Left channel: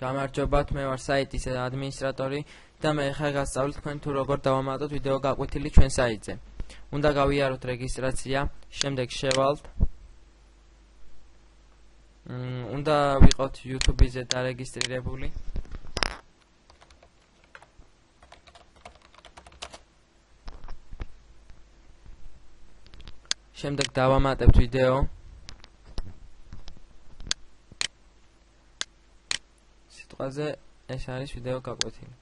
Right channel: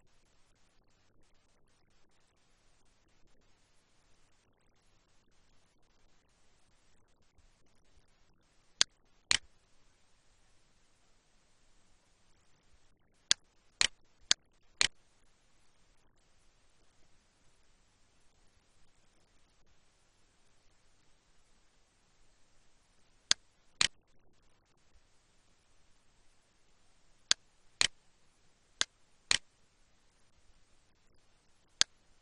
გამარჯობათ, მე ვარ საიტის ადმინისტრატორი და მე ხა გასწავლით თქვენ თუ როგორ დავამატოთ ვიდეო გაკვეთილი ჩვენ საიტზე. უნდა გავიაროთ რეგისტრაცია, შემდეგ შევალთ. უნდა ვიყოთ YouTube-ზე დარეგისტრირებული. შემდეგ დავამატებთ ვიდეო. სიტყვაზე ეს არის ვიდეო გაკვეთილი.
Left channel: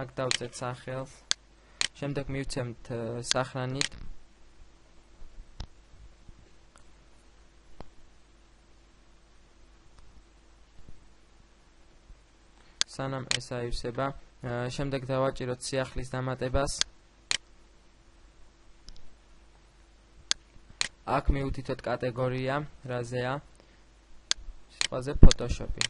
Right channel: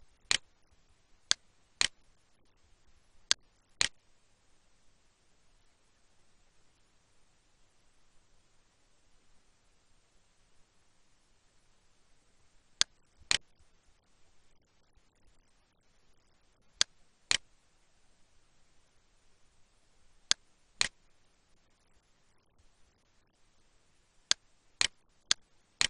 აქ დავწერთ სახელს. შემდეგ მივცემთ სახრანით. სანამ ეს აივსება, შემდეგ დავაჭიროთ სიახლის დამატებას. აქ მივუთითოთ კატეგორია, რაზეა. სიტყვაზე Photoshop-ი.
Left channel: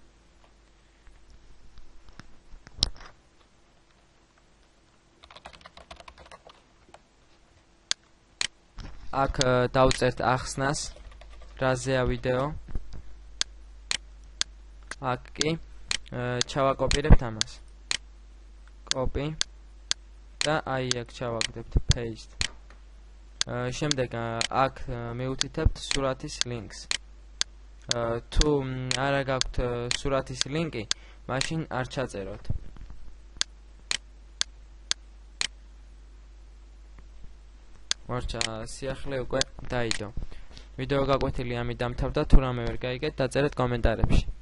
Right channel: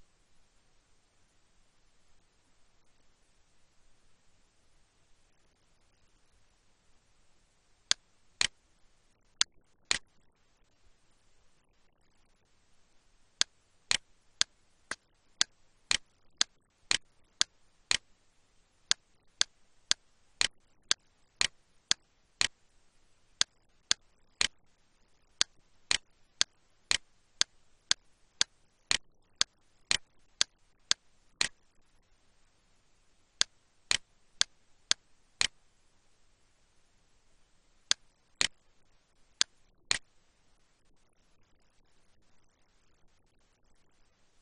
აქ დავწერთ ახსნას, რაზეა ვიდეო. აქ კი ჩავაკოპირებთ ამას. Copy და აი აქ ჩავაგდებთ paste. შემდეგ აქ მივუთითებთ სურათის ლინკს. თუ არა გაქვთ სურათის ლინკი, მაშინ არ ჩაწეროთ. მორჩა სიახლე უკვე დაიდო. ვიდეო გაკვეთილი ამით დამთავრდა, თუ რამე ვერ გაიგეთ, დაწერეთ კომენტარებში.